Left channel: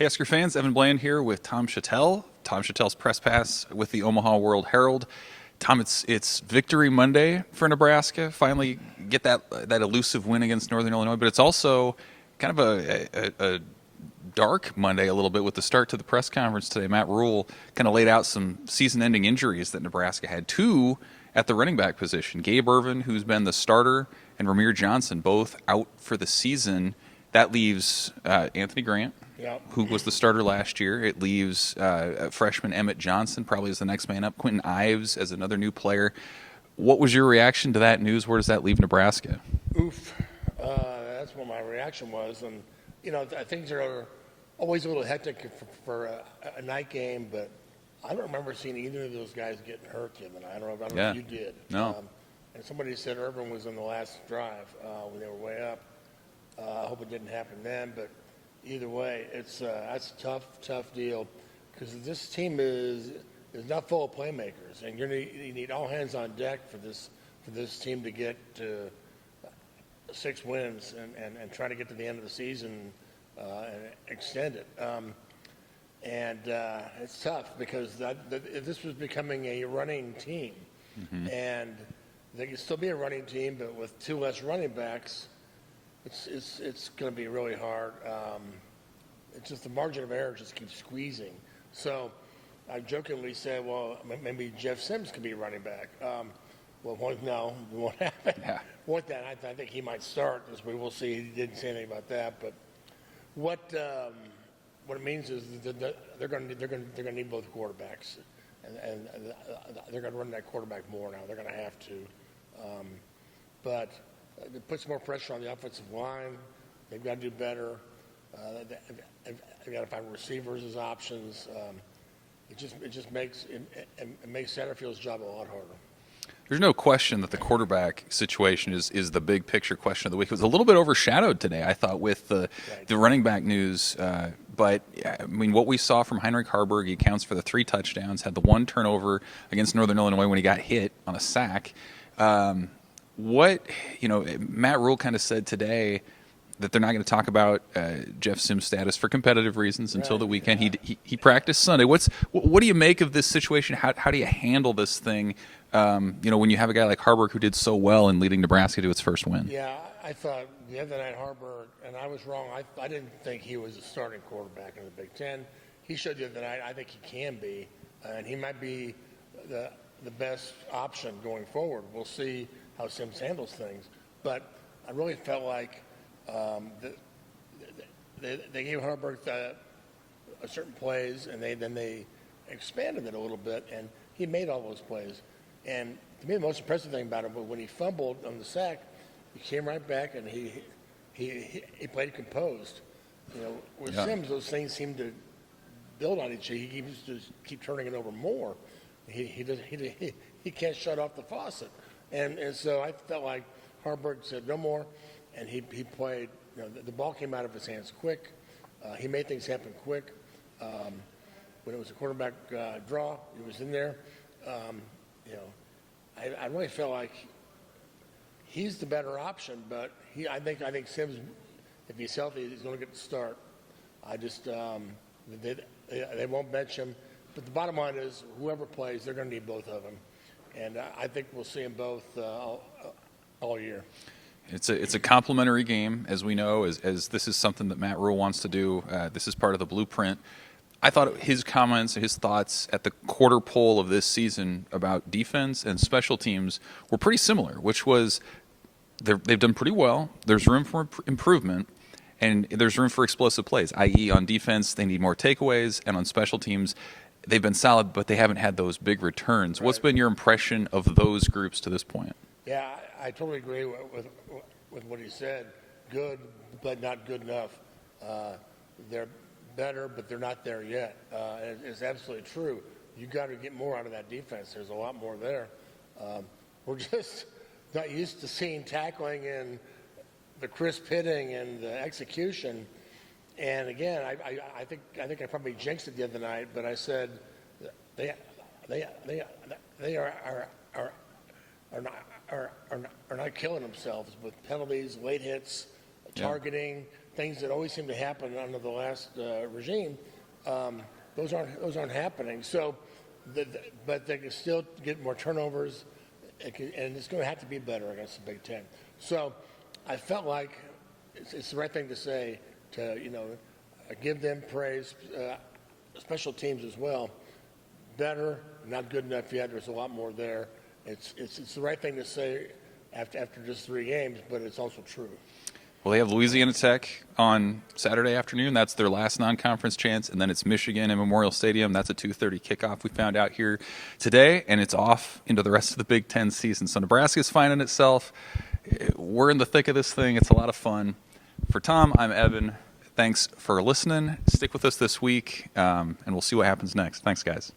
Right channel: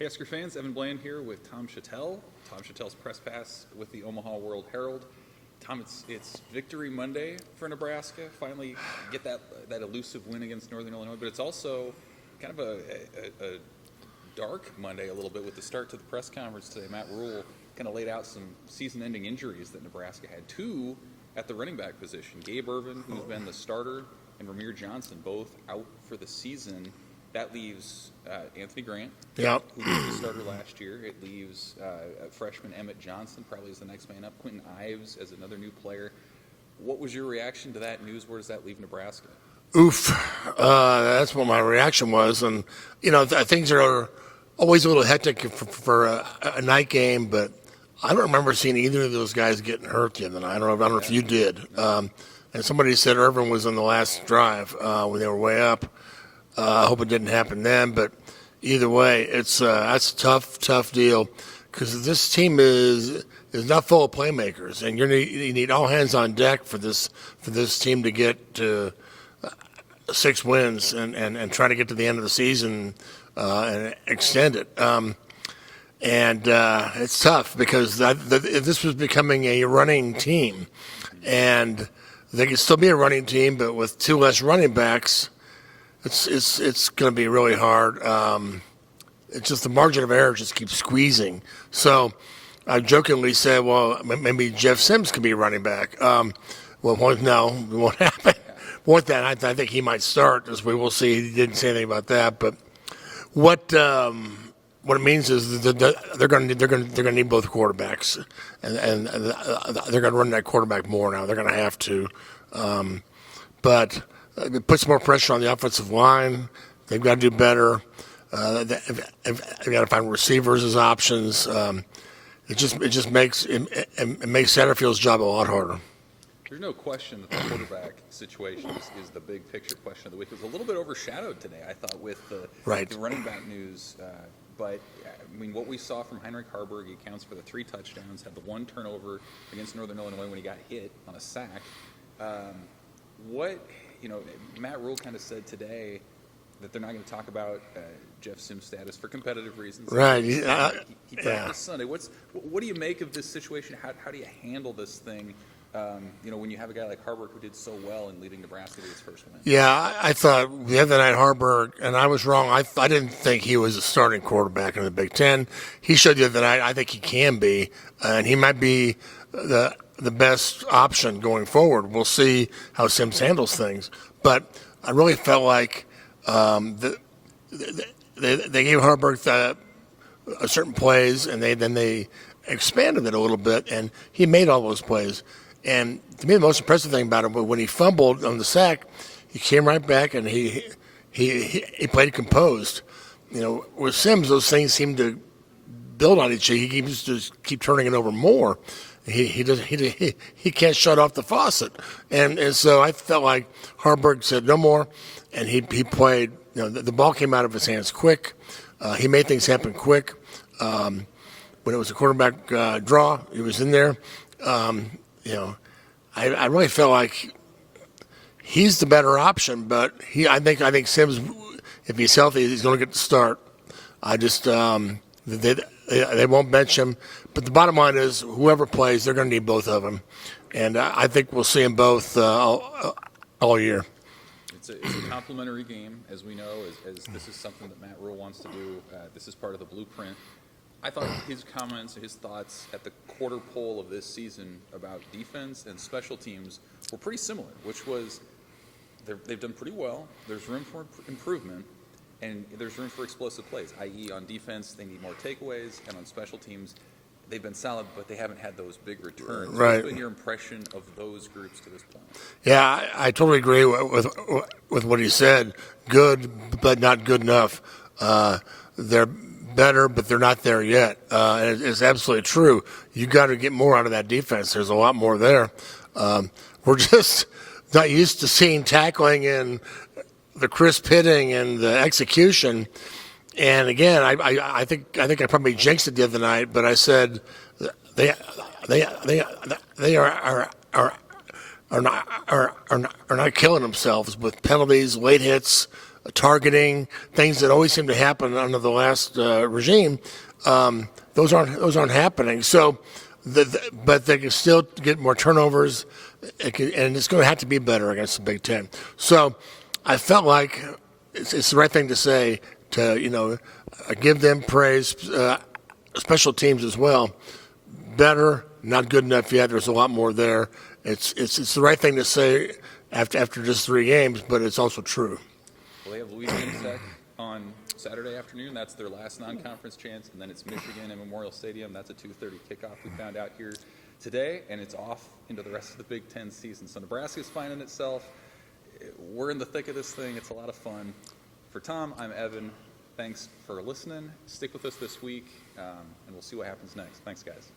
Hey, Husker fans, Evan Bland here with Tom Shatel. Tom Shatel's press pass with the Omaha World-Herald. Tom, it's Victory Monday for Nebraska. Finally get that elusive win against Northern Illinois, but it's also kind of a dark Monday a little bit with the start to the press conference today. Matt Rhule kind of laid out some season-ending injuries that Nebraska had. Two at the running back position. Gabe Ervin, who's been the starter, and Ramir Johnson, both out for the season. That leaves Anthony Grant, who was the starter last year. It leaves freshman Emmett Johnson, probably as the next man up. Quentin Ives as another new player. What was your reaction to that news? Where does that leave Nebraska? Oof. That's what my reaction was. And, things are always a little hectic for a night game, but I don't remember seeing either of those guys getting hurt the other night. I don't know if you did. No. And somebody said Irvin was on the last drive when they were way up. I hope it didn't happen then, but either way, that's a tough deal because this team is not full of playmakers, and you need all hands on deck for this team to get to 6 wins and try to get to the end of the season and extend it. It's tough because this was becoming a running team, and they could still be a running team, but with 2 less running backs. It's going to be really hard. It's just the margin of error just keeps squeezing. So I jokingly said, well, maybe Jeff Sims could be a running back. No, it won't happen. Want that? I think he might start, as we will see. He didn't say anything about that. But what it means is that they're going to need both quarterbacks, and they're going to run that quarterback more now. They're going to have to, but. It puts more pressure on the offensive line. They've got to do better. They've got to find receivers as options. It just makes Satterfield's job a lot harder. There's no question that the quarterback situation is the big picture question of the week. It was a little bit overshadowed today, I thought, with the running back news. But, I mean, what we saw from Heinrich Haarberg, he accounts for the 3 touchdowns, had the 1 turnover against Northern Illinois when he got hit on a sack. Matt Rhule kind of said today that they're not going to talk about Jeff Sims' status for competitive reasons until the weekend. He practiced Sunday. What do you make of this situation? How do you handle this thing? When you have a guy like Haarberg who did so well in leading Nebraska to its first win. Yeah, I thought the other night Haarberg, and I was wrong. I didn't think he was a starting quarterback in the Big Ten. He showed the other night I think he can be, and he might be the best option going forward. We'll see how Sims handles things. But I really felt like they gave Haarberg certain plays, and then they expanded it a little bit, and he made all those plays. And to me, the most impressive thing about him was when he fumbled on the sack, he came right back and he played composed. With Sims, those things seem to build on each other. He keeps to keep turning it over more. He can't shut off the faucet, and so I felt like Haarberg said no more, and he played. The ball came out of his hands quick. He made things happen quick. When it was a quarterback draw, he was in there. I really felt like he's the better option, but I think Sims, if he's healthy, he's going to get the start. I just they won't bench him. But the bottom line is, whoever plays, they're going to need both of them, and I think we'll see them both all year. It's a complementary game, as we know, as this is something that Matt Rhule wants to do. This is part of the blueprint. I thought his comments, his thoughts at the quarter pole of this season about defense and special teams were pretty similar, which was they've done pretty well. There's room for improvement. And there's room for explosive plays, i.e. on defense, they need more takeaways, and on special teams, they've been solid, but they haven't had those big returns. Right. What's been your impression of those groups to this point? Yeah, I totally agree with what he said. Good, but not good enough. They're better, but they're not there yet. It's absolutely true. You got to get more out of that defense. There's a lot more there. We're just not used to seeing tackling and the crisp hitting and the execution. And again, I think I probably jinxed it the other night, but I said they are not killing themselves with penalties, late hits, targeting, things that always seem to happen under the last regime. Those aren't happening. So, but they can still get more turnovers, and it's going to have to be better against the Big Ten. So, I felt like it's the right thing to say to give them praise, special teams as well. Better, not good enough yet. There's a lot more there. It's the right thing to say after just 3 games, but it's also true. Well, they have Louisiana Tech on Saturday afternoon. That's their last non-conference chance, and then it's Michigan in Memorial Stadium. That's a 2:30 kickoff. We found out here today, and it's off into the rest of the Big Ten season. So Nebraska's finding itself. We're in the thick of this thing. It's a lot of fun. For Tom, I'm Evan. Thanks for listening. Stick with us this week, and we'll see what happens next. Thanks, guys.